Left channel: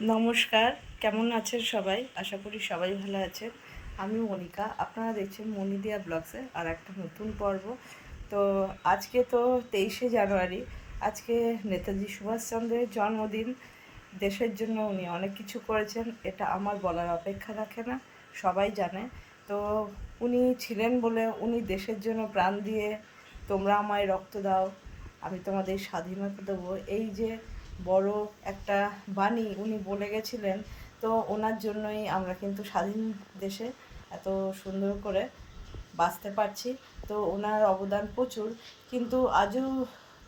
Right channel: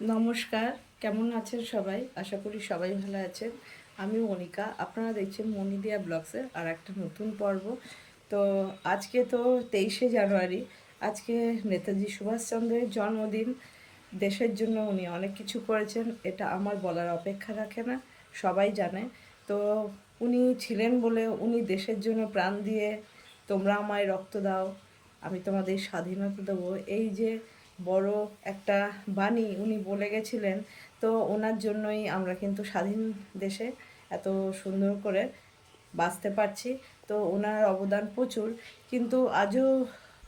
নমস্কার, কেমন আছেন সবাই? আশা করি সবাই ভালো আছেন। আমি মনিকা, আপনারা দেখছেন মনিদিয়া ব্লগসের আর একটা নতুন পর্ব। তো আজকে তো 23শে জানুয়ারি, আজকে নেতাজি সুভাষচন্দ্রের জন্মদিন। দেশের জন্য উনি অনেক কিছু করেছেন, এটা আমার বলার অপেক্ষা রাখে না, সবাই জানে। তো উনি ছিলেন বলে উনি দেশের জন্য প্রাণ দিয়ে তোমরা আমায় রক্ত দাও, আমি তোমাদের স্বাধীনতা দেবো, এই যে বড় একটা বাণী উনি বলে গেছিলেন। তো ওনার জন্যই আমরা কিন্তু স্বাধীন দেশে এত সুন্দর করে বাঁচতে পারছি। তো ওনার অবদান প্রচুর, কিন্তু আজও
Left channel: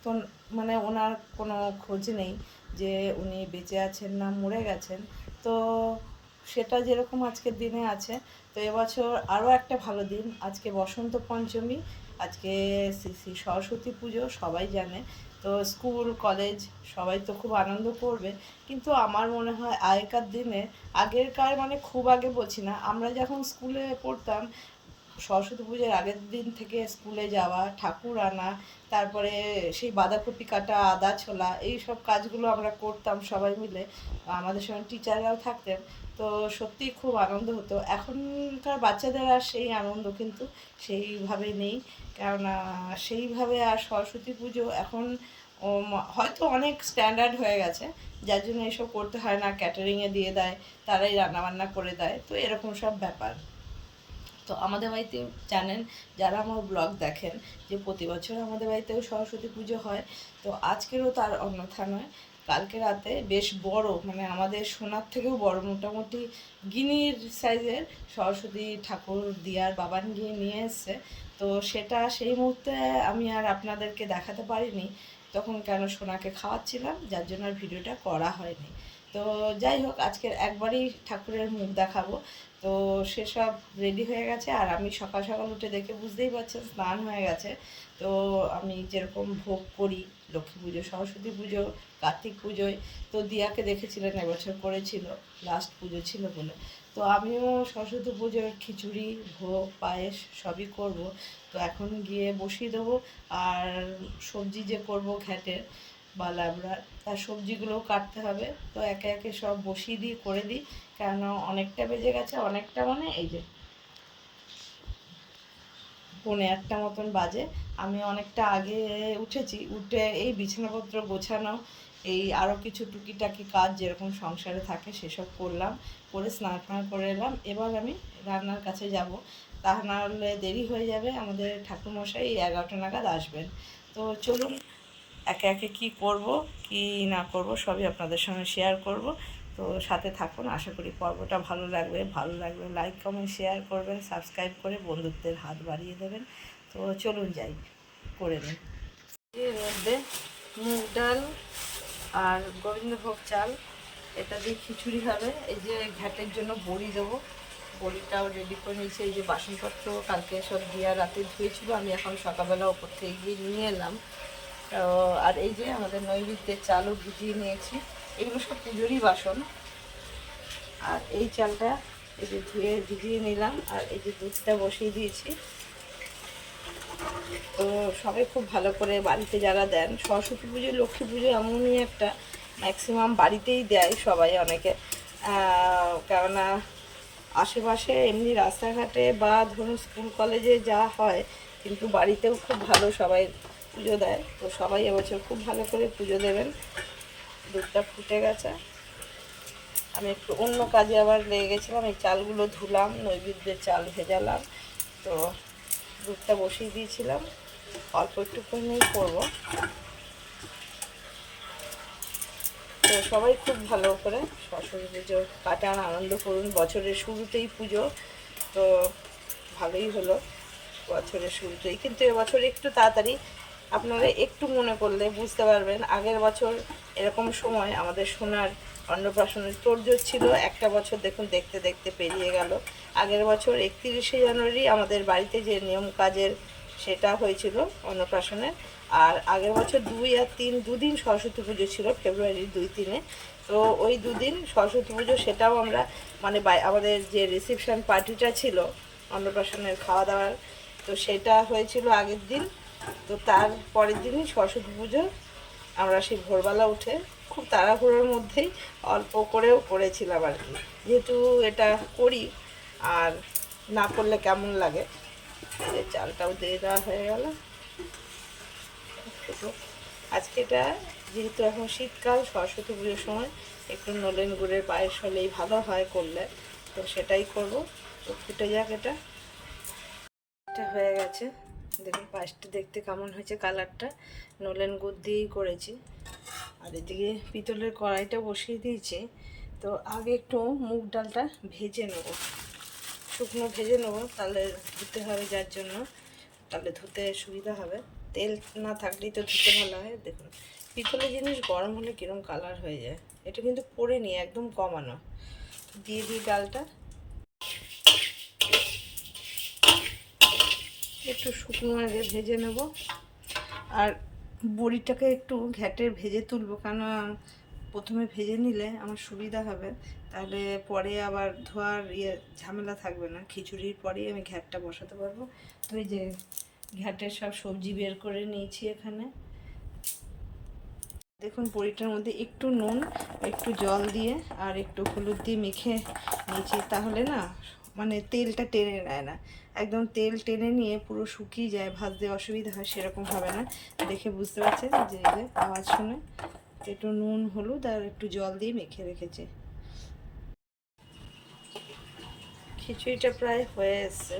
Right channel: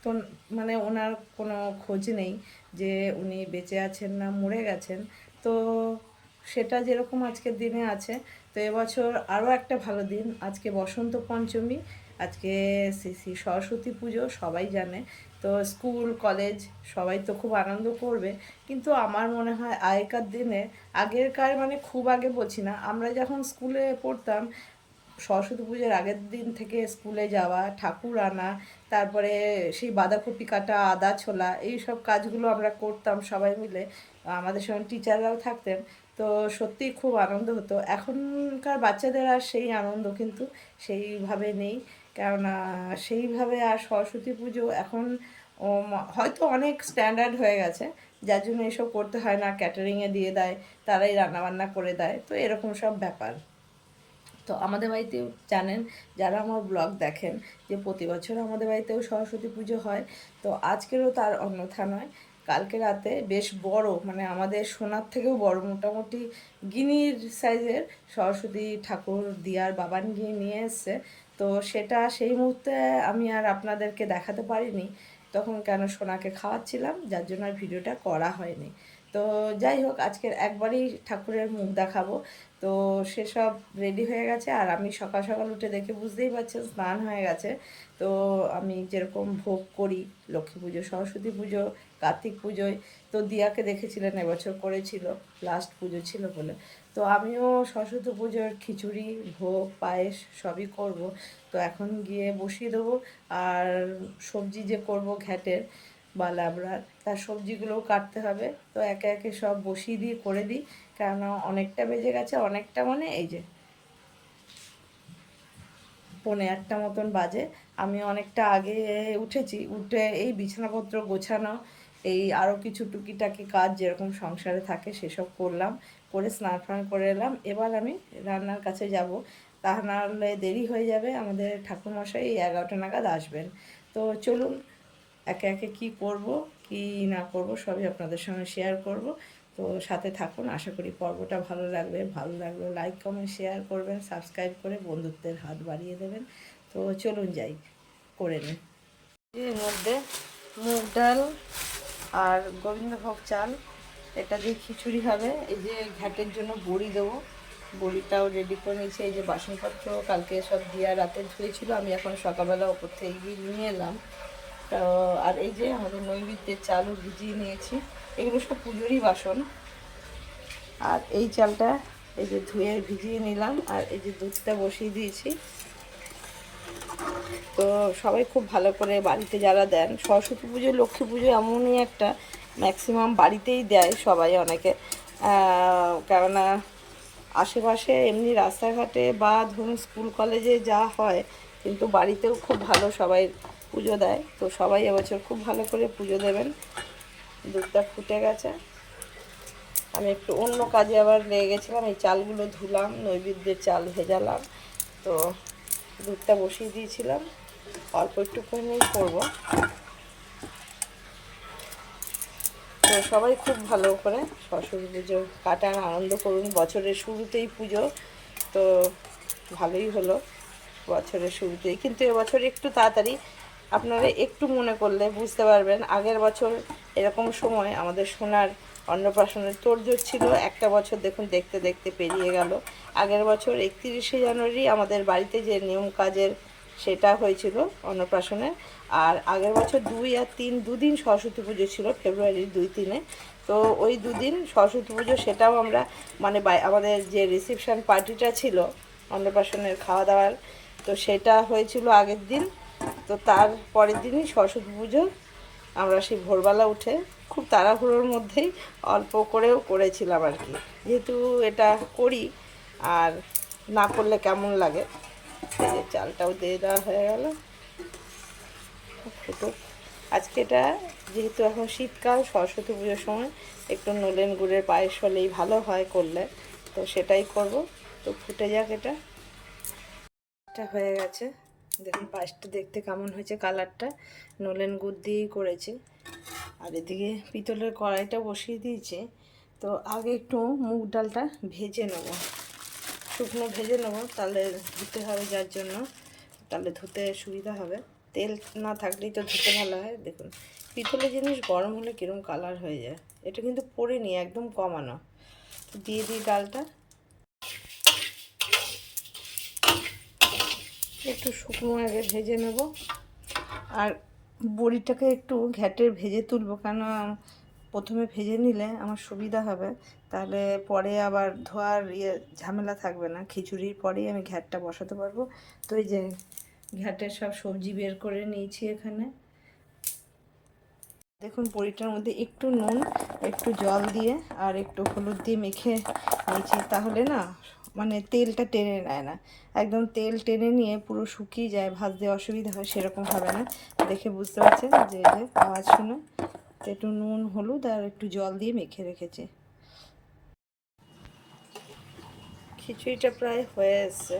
তো মানে ওনার কোনো খোঁজ নেই যে উনি বেঁচে আছেন না মরে গেছেন। তো সেটা যেরকম আজকের দিনে আছে। তো এবছর আরও একটা ভালো দিন, আজকে বসন্ত পঞ্চমী, আজকে শ্রী শ্রী সরস্বতী পুজো, সবাই জানে। তো স্কুল কলেজ সবাই তো খুব আনন্দ করবে, কিন্তু আমার মনে হয় আগেকার দিনে, আগেরকার মানে খুব আগে বলছি না, আমরা যখন স্কুলে পড়তাম সরস্বতী পুজোর আগের দিন থেকে স্কুলে যাওয়া, ঠাকুর আনা, তারপরে সেই বাঁধাকপি কাটা, আদা ছোলা, এই সব কাজগুলো আমরা করতাম সবাই মিলে, আমাদের সঙ্গে টিচাররাও থাকতেন। তো সত্যিই খুব আনন্দ হতো। এখনকার বাচ্চাদের আর সেই আনন্দ কিন্তু সেইভাবে নেই, কেননা সেইভাবে আর সরস্বতী পুজো এখন হয়তো অনেক স্ট্যান্ডার্ড হয়ে গেছে, যার জন্য এসব করতে হয় না, ক্যাটারিংয়ে দিয়ে দেয়, তারাই রান্নাবান্না করে দেয়, তো এরকম সব ব্যাপার। তো আমাদের বাড়িতেও জানেন, যারা আমার ব্লগ দেখেন, যে প্রতি বছর আমাদের বাড়িতেও সরস্বতী পুজো হয়। তো আজকেরও তার অন্যথা নয়। কালকে রাতে বেশ বড়, মানে আমাদের সোনার থেকেও বড়, মোটামুটি গিনির সাইজের সরস্বতী ঠাকুর দিয়ার বাবান গিয়ে নিয়ে এসছে। তো সেটা সেই মুহূর্তে আমি আর আপনাদেরকে দেখাতে পারিনি তখন, কেন সোনাকে খাওয়াচ্ছিলাম, যার জন্য আর ভিডিওটা করা হয়নি। তো যাই হোক, আজকের একবারই ঠাকুরের মুখ দেখাবো। তো সেসব রেডি হয়ে গেছে, আর আমি সকাল সকাল উঠে দেখে বুঝতেই পারছেন স্নান হয়ে গেছে। তো আমি যেরকম ভোগ করি লক্ষ্মী পুজো, সরস্বতী পুজো, কার্তিক পুজোয়, তো দিয়াকে দেখেছিলেন এবছর করেছিল, লাস্ট পুজো ছিল বলে। তো আমিও সরস্বতী পুজোর খিচুড়ি, ভোগ, পায়েস সবই করব। তো এখন গিয়ে বসিয়ে দেবো। আর সবজি যে করব ঘ্যাটের বা লাবড়ার, তার সবজিগুলোও কাটতে হবে। তো একে একে সব বসিয়ে দিয়ে করে দিই, কেন অনেকটা বেজে গেছে, অনেকটা মানে এই যে 1:45 মতন বাজে। আমি অনেকটা আগে উঠেছি, উঠে এই বিছানাপত্র গোছানো, এই আরও কিছু টুকিটাকি কাজ যেরকম সংসারে থাকে সেসব করলাম, করে স্নান ফান করে এলাম। এবার আমি রান্নার কাছে যাব, তা না হলে দেরি হয়ে যাবে, আমাদের ঠাকুরমশাই 11টা নাগাদ আসবেন। তো চলুন, একে একে কী করব কী না করব সবই আপনাদের সঙ্গে শেয়ার করব। তো সাথে থাকুন, আশা করি পর্বটা ভালো লাগবে। ভালো লাগলে লাইক কমেন্ট শেয়ার করবেন, সাবস্ক্রাইব করে বন্ধুত্বের হাত বাড়িয়ে দেবেন। তো চলুন যাই, করে নিন। এর মধ্যে মুগ ডাল আর গোবিন্দভোগ চাল, এটা দিয়ে খিচুড়ি হবে। এই যে ঘ্যাটের জন্য বড়ি দেবো, বড়িটাও রেডি করে নিয়েছি। এই যে বাসনপত্র কালকে সব দিয়া রাতে ধুয়েছিল, আমি এখন সকালবেলা ওপর থেকে গিয়ে নিয়ে এলাম। তো আর এই যে আমাদের নৈবেদ্যের চালও ভিজিয়ে নিয়েছি, এগুলো সব পুজোরই বাসন। আর এই চালটা এই যে ধুয়ে ভিজিয়ে নিলাম, আর এই যে দুধটা বসিয়ে দিয়েছি। তো সবাই খুব ভালো করে বাড়িতে যারা দেন, সরস্বতী পুজো লক্ষ্মী পুজো এমনই একটা, ম্যাক্সিমাম বাড়িতেই দেয় সবাই, অনেকে। কেননা আশেপাশে এমনি রাস্তাঘাটে বা ধরুন স্কুল কলেজে যা হয়, কিন্তু বাড়িতেও খুব ভালো সবাই পুজো দেয়। তো সবাই এবছর খুব ভালো করে পুজো দেবেন। দুধটা ফুটে গেছে, আমি একটু অন্য কাজে আবার লেগে গেছিলাম, এই চালগুলো ধুলাম, নৈবেদ্যের চাল ভেজালাম। তো দুধটা বসিয়ে দিয়েছিলাম, অল্প একটুখানি করব। তো সবাই খুব ভালো করে সরস্বতী পুজো কাটান, আনন্দ করুন, বছরের শুরুতেই পুজো। তো ভালোই হলো বছরের শুরুতেই, কিন্তু এবছর একটু তাড়াতাড়ি, আপনারা একটু মনে করলে বুঝতে পারবেন। আগের বছর এরকম সময় আমাদের সোনার অন্নপ্রাশনের তোড়জোড় ছিল, একটা বছর দেখুন দেখতে দেখতে পেরিয়ে গেল। আগের বছর 31শে জানুয়ারি আমাদের বাড়িতে যে নিয়ম কাজের সেটা হয়েছিল অন্নপ্রাশনের। আর আগের বছর 2 আর 3 দুদিন সরস্বতী পুজো ছিল, ফেব্রুয়ারির 2-3-এ। তো ওই দুদিন সরস্বতী পুজো, সেটাও আমরা মানে আমাদের যে রিসেপশন পার্টিটা ছিল অন্নপ্রাশনের খাওয়া দাওয়ার, তো সেটা হয়েছিল আগের দিন। তো তার পরের দিনই সরস্বতী পুজো, আমরা সেই ভোরবেলা উঠে খুব তাড়াহুড়োর মধ্যেই অল্প করেও করেছিলাম আর কি, যেহেতু এটা করি আর না করলে কেমন লাগে। এই যে চালটাও দিয়ে দেওয়া হয়ে গেল, ফুটো। আজকে এটা যেহেতু এখন শীতকাল, সরস্বতী পুজোর সময় একটু নলেন গুড়ের পায়েস হলেই ভালো হয় করলে, তো সেটাই করব। তো ফুটে যাক। এটা হয়ে গেছে, দেখুন পায়েসটা দেখতে কেমন হয়েছে, কালারটা নলেন গুড় দিয়েই করেছি। আর এদিকে পিতলের কড়াইটা বসিয়ে দিয়েছি। তো আগে একটু মুগ ডালটা ভেজে নেব, শুকনো ভেজে নেব, তাহলে ধুতে হবে, যার জন্য তাহলে ধুতে সুবিধা হবে। তেল না থাকলেই তো ধুতে ভালো হয়। দেখুন পিতলের জিনিস গরম হলে কীরকম কালার হয়ে যায়। এটা কিন্তু পরে নিয়ে একদম কমানো। তো দিয়ে দিই ডালটা, একটু শুকনো আগে ভেজে নেব। আর বড়িটাকে একটু ঘ্যাটের ভেজে তুলবো, কেন প্রথমে ভেজে নিলে আমার সুবিধা হবে, তাহলে পরে আবার ধোয়ার ঝামেলা থাকবে না। খিচুড়ির পরেই আমি ঘ্যাটটা বসাতে পারবো। তো এই যে ঘ্যাটের সব সবজি বের করে নিয়েছি এখানে। দেখুন বড়িটার মধ্যে একটু নুন, একটু জল দিয়ে আর একটু হলুদ দিয়ে মেখে নিয়েছি, তাহলে না মানে তেলটা টেনে নেয় না, একদম তেল টেনে নিয়ে পুরো শুকিয়ে যায়, ভাজতে অসুবিধা হয়, সেরকম হবে না। দেখে বুঝতে পারছেন যে এই যে আওয়াজ শুনে একটু নুন হলুদ আর একটু জল দিয়ে মেখে রেখেছি। খিচুড়িটা প্রায় হয়ে এসছে।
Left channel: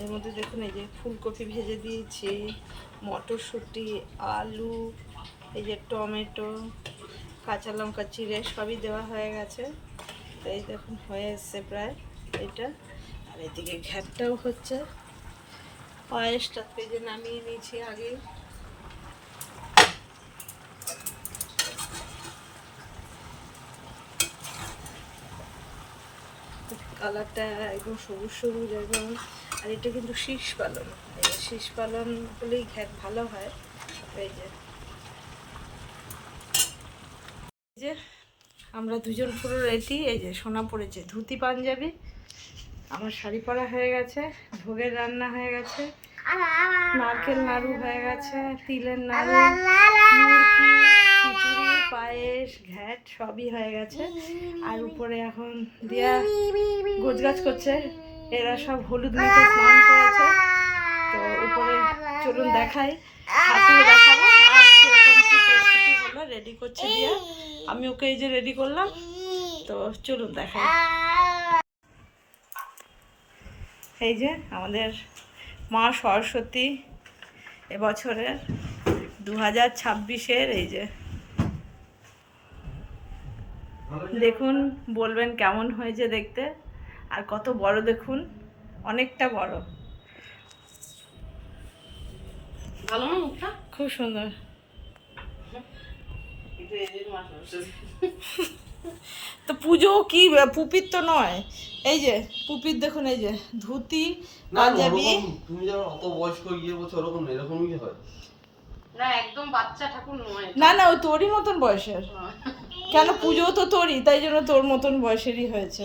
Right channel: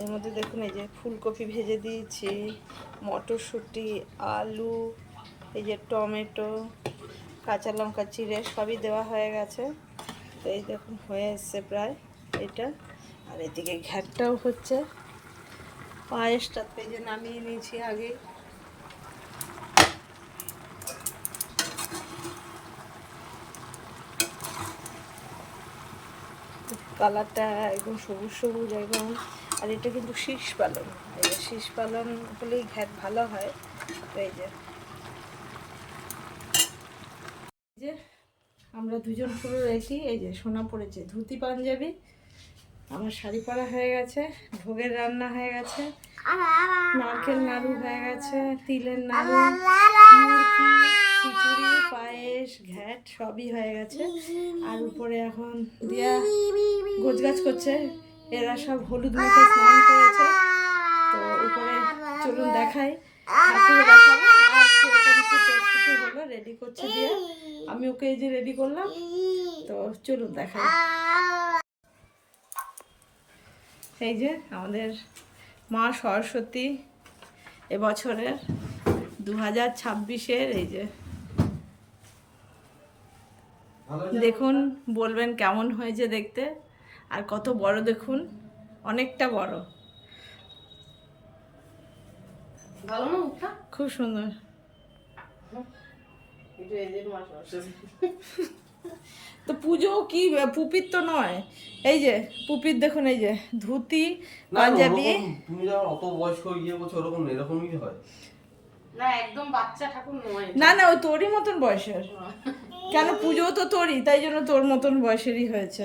এর মধ্যে দেখুন এই যে ফুলকপি ভেজে দিয়েছি, মটরশুঁটি, আলু, এই যে টমেটো, কাঁচা লঙ্কা চিড়ে সবই দেওয়া হয়ে গেছে। তো এই দেখুন হয়ে এসছে প্রায় এটা। আর এদিকে ঘ্যাটটাও হচ্ছে, পায়েসটা এই যে নামিয়ে নিয়েছি আগেই। কালারটা একদম সবুজ সবুজ একদম। আর এটা কিন্তু শীষ পালন, এই যে শীষ পালন হলেই ঘ্যাট ভালো হয়। তো এই যে আমরা দুজন পুরো রেডি। এই যে সোনা পড়েছে ধুতি পাঞ্জাবি, আমার শাড়ি পরা হয়ে গেছে, ভোগের রান্না হয়ে গেছে, নারকেল নাড়ু হয়ে গেছে, তিলের নাড়ু, মুরকি, খিচুড়ি, পায়েস, ঘ্যাট সবই হয়ে গেছে। আর উপরে এখন দিয়া গোছগাছ করছে, এরা সব হলুদ মেখে স্নান করেছে। তো উপরে চলুন দেখাই, ঠাকুর দেখাবো আর সেরকম কি প্রস্তুতি হলো, রেডি করছে দিয়া, আমি ওকে এই যে রেডি করলাম। তো চলুন দেখাই। এই যে আমাদের মা সরস্বতী এবছরের 2026-এর, এই যে দেখুন, বলবেন কেমন হয়েছে দেখতে। আর কত বড় দেখুন, অনেকটা বড়, ভালো না মুখটা, খুব সুন্দর। তো পুজো কি পুপিত তো নয়, এই যে পুপিত দেখুন, এই যে ধুতি পাঞ্জাবি। তুমি যখন অত বয়স্ক বলছো ওরকম না, এরকমই হয় না, একদম বাচ্চা ঠাকুর নয়। না না, ওই তোরই মতন বয়সের। কেন পুজো তো তোরই, তাই জন্য তোর মতন বয়সেরই হয়েছে।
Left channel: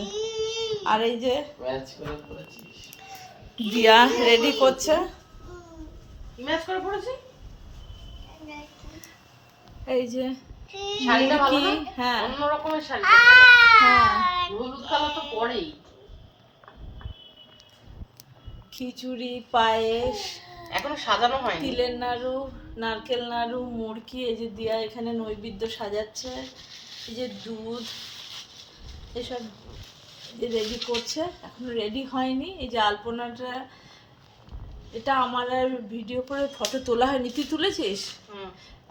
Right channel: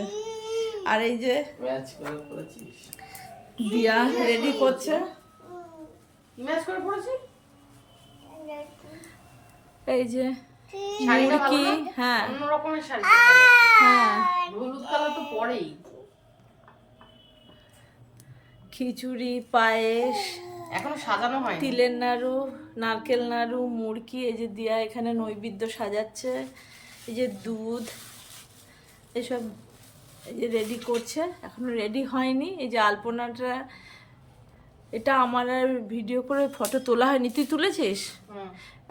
আর এই যে ম্যাচ করে পড়েছিস, দিয়া রেডি করছে, ম্যাচ করে পড়েছি। এই যে মুরকি, হ্যাঁ অন্য রকমের শাড়িটা ভালো, হ্যাঁ হলুদ কালার তো পরেই। খিচুড়ি, পায়েস, এখনো সাজানো হয়নি, তিলের নাড়ু, নারকেল নাড়ু, মুরকি, এই যে দিয়া এখানে নৈবেদ্য সাজাচ্ছে, এই যে দুধ, এসব এই যে রেডি করছে, এখনো রেডি হয়নি। এই যে আলপনাটা, এটা আমার আর ভিডিও করে ফটো তোলা হয়নি, তুই তুলেছিস?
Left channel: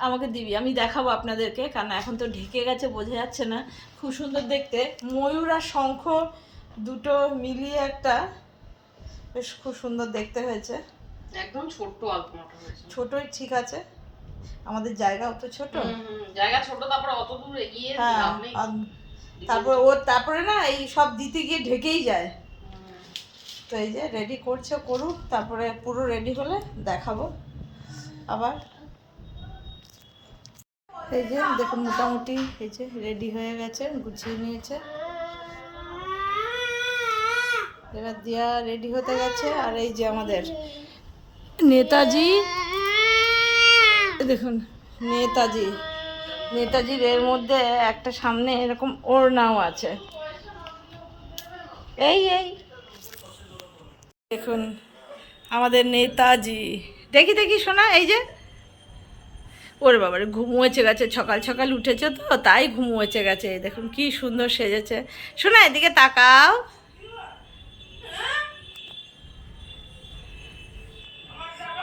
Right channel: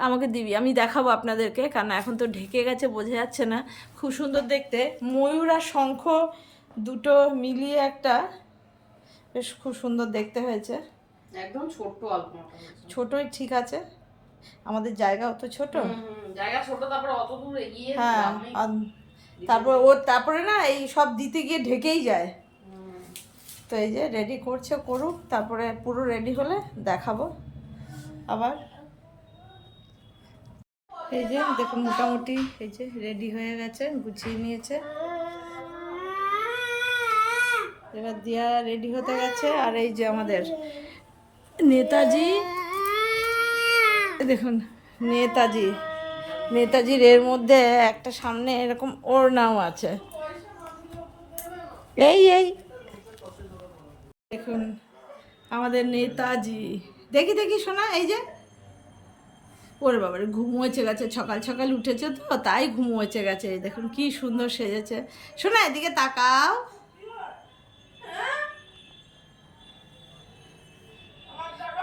আমাকে দিবি, আমি দেখাবো আপনাদেরকে, কারণ এখন তো ঢেকে গেছে, বোঝা যাচ্ছে না। খুব সুন্দর দেখতে, ময়ূর আর শঙ্খ দুটো মিলিয়ে একটা, বেশ খুব সুন্দর দেখতে হয়েছে। একদম ছোট্ট আলপনাটা হয়েছে, ছোটই ঠিক আছে, আমাদের জায়গাও তো ছোট। জায়গা ছোট, তারপরে অত দূর এগিয়ে, হ্যাঁ, তারপরে না এই সব দিতে গিয়ে ঢেকেই যায়। তো এই যে রেডি করছে, করুক, তারপরে পুরো রেডি হলে দেখাবো আবার। এই যে দেখুন মোটামুটি এই যে রেডি হয়ে গেছে, গুছিয়ে নিয়েছে, এবার দিয়া রেডি হতে গেছে। আর এই যে আমাদের নেতাজি, দেখুন নেতাজি নেতাজির এর মধ্যে একটা সামনে এরকম ওড়নাও আছে। এই দেখুন আমাদের নেতাজি। দেখি দেখি শোনা, এই যে ওরে বাবারে ঘুমোয়েছে গেছে, সকাল সকাল উঠেছে তো তাই ঘুমোয়েছে গেছে। এই দেখুন কি সুন্দর সেজেছে। শোনা এদিকে তাকাও।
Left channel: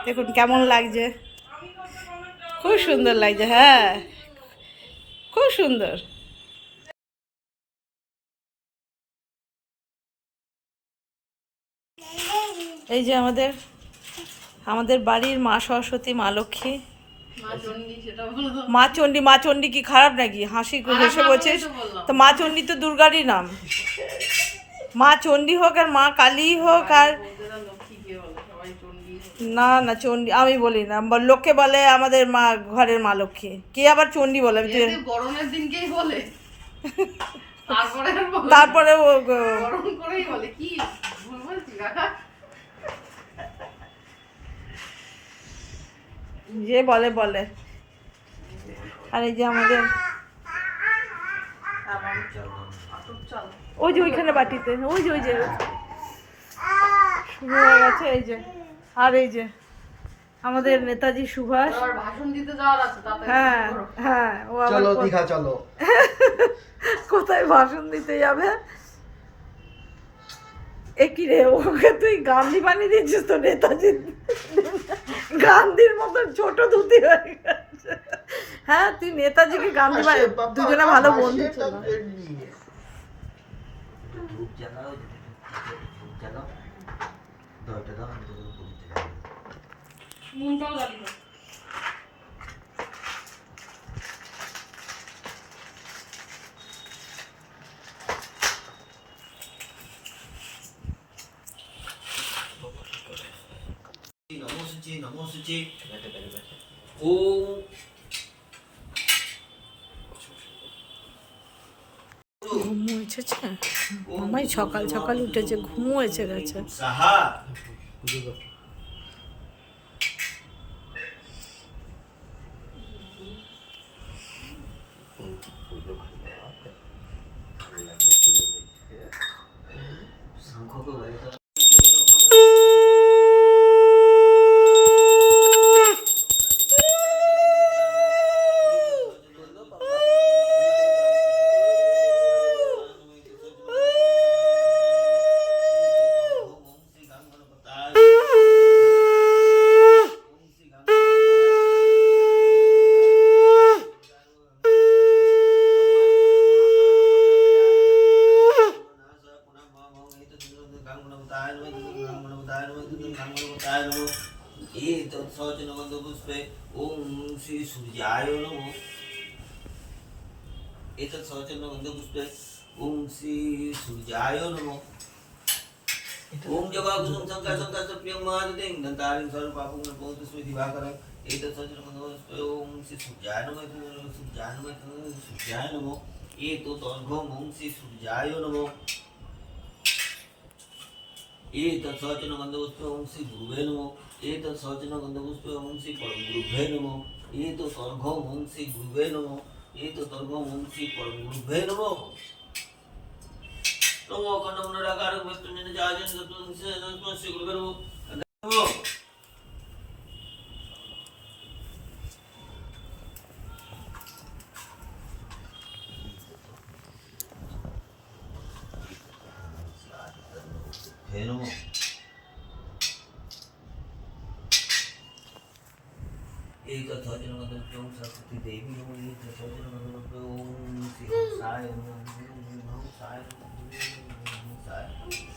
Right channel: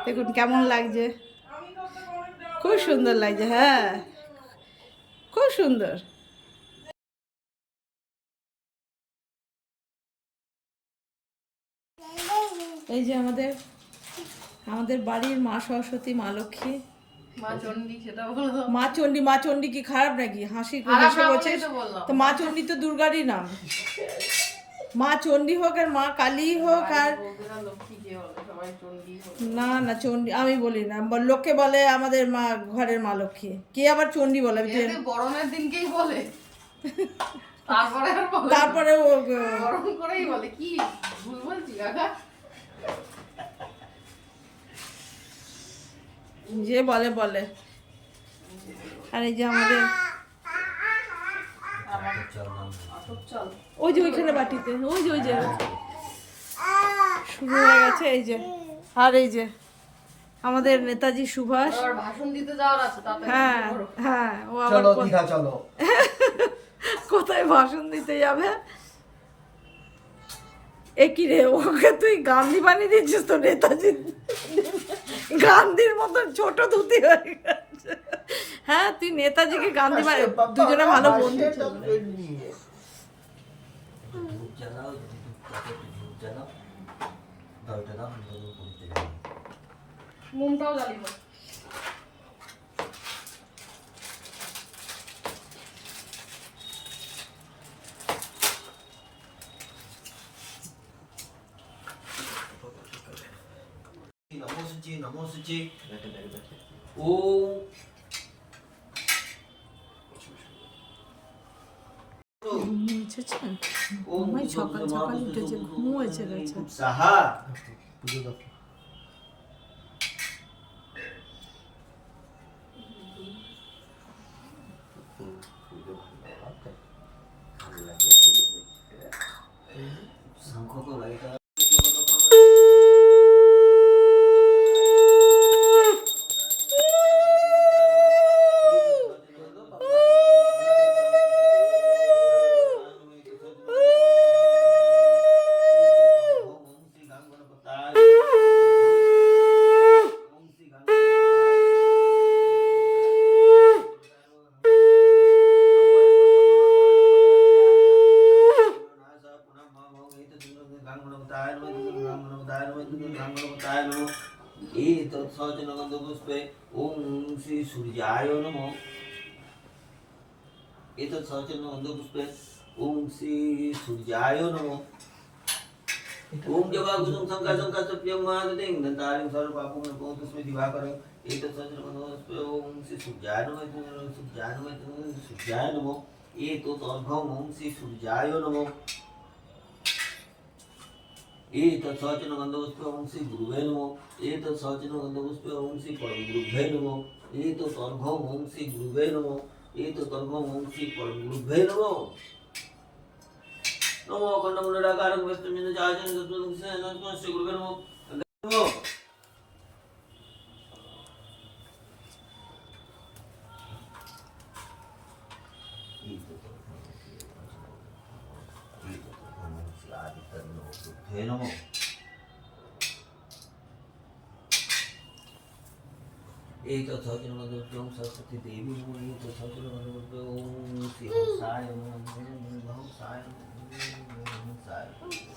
দেখুন কেমন লাগছে, খুব সুন্দর লাগছে। হ্যাঁ খুব সুন্দর। এই যে আমাদের আমাদের বাড়ির মা সরস্বতী, মা লক্ষ্মী, মা চণ্ডী, সেটা বলে দাও। মা চণ্ডী কি খারাপ নাকি? হাসি খারাপ হেসে না বলছিস বলেই তো বললাম। তো? মা চণ্ডী তো দুর্গারই নাম। মা চণ্ডী হোক আর মা কালী হোক আর বলতে না লক্ষ্মী কে বলে, সবাই চণ্ডী বলে। না চণ্ডী আমি বলি না, লোকে বলে আমাদের মা ঘরের মা লক্ষ্মী, কে আবার চণ্ডী বলে? এতে বরণের দিনকেই বলে, তারপরে আর বলে না। তারপরে বরণ করেই বলে। কি ভুল বলছি কাকা? যে বলে বলে। আর এই যে আমাদের আটক চাল। ওই যে ওইখানে বাটিতে ওই যে শুরু হয়ে গেছে। এই যে আর এই যে আমাদের নেতাজি সুভাষ। আবার ভাষণ দিতে যাওয়ার আছে, তাতে হ্যাঁ হ্যাঁ, ও আবার চলো দীঘা চলো। কোথায় ভাষণ দিতে যাবে? একই রে, ওকে তুই গান্ধী বানিয়ে দিচ্ছিস তো? নেতাজি গান্ধীর মতন ছোট ধুতি হয়ে গেছে। হ্যাঁ তুই নেতাজিকে গান্ধী দুজনে ভালো বন্ধু ছিল। ধূপ জ্বালাও, ধূপ জ্বালাও, দরটা দাও, আমি তোদের পড়তে যাবো। মুমটাও জ্বালিয়ে দাও। নমো শুচি, নমো শুচি। ওম ঘুমোয়েছে, মামাই সকাল সকাল উঠেছে, ঘুমোয়েছে গেছে। সাহা পুজো দাও। শঙ্খকে বাইরে পুষ্পে ওম শ্রী সূর্যায় নমঃ। এতৎ সচন্ন গন্ধপুষ্পে ওম শ্রী সূর্যায় নমঃ। ওম জবা কুসুম শঙ্কর শঙ্কর প্রিয়ং মহাদিং দন্তারিং সর্বপাপং নপোত স্মৃতি দিবাকরং। এতৎ সচন্ন গন্ধপুষ্পে ওম শ্রী সূর্যায় নমঃ, সূর্যায় নমঃ, সূর্যায় নমঃ। এতৎ অর্ঘ্যং ওম শ্রী সূর্যায় নমঃ। एतत् सचन गन्धपुष्पे ओं श्री गुरुवे नमः। एतत् सचन गन्धपुष्पे ओं श्री परम गुरुभ्ये नमः। एतत् अर्घ्यं ओं श्री गुरुवे नमः। एतत् अर्घ्यं ओं श्री परम गुरुभ्ये नमः। नमो अखण्डमण्डलाकारं वैष्णवजन चार्जन सप्तदं श्री गुरुवे नमः। हे नमो। एतत् सचन गन्धपुष्पे ओं सरस्वती देवी नमः। एतत् सचन गन्धपुष्पे ओं श्री हंसाय नमः। हंसाय नमः, हंसाय नमः।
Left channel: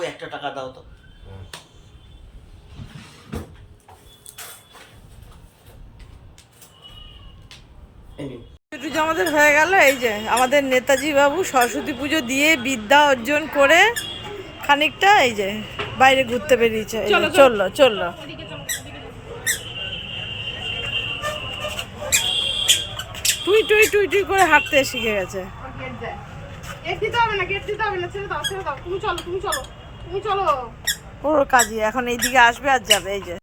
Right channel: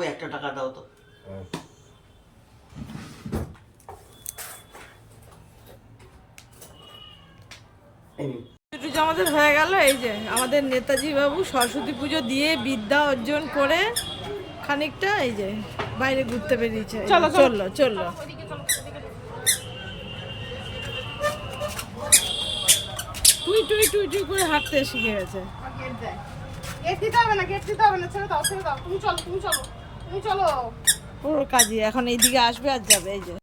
বাবু 1 টাকা দাও তো। এই নিন। ছুটি আমাদের হয়ে গেল। এই যে আমাদের নেতাজি বাবু সরস্বতী পুজো দিয়ে বিদ্যা অর্জন করে খানিকটা এই যে বাইরে ঘুরতে বেরিয়েছে। এই যে চললো চললো। টুই টুই টুই টুই করে হাঁটতে শিখে গেছে। গেট দেয়। গেট দিতে হবে না, গেট দিতে হবে না, ছেড়ে দাও, ছেড়ে দাও। তুমি চলো, তুমি চলো, তুমি চলো। ওর কাজই এখন এইদিকে আসবে আর যাবে। এই যে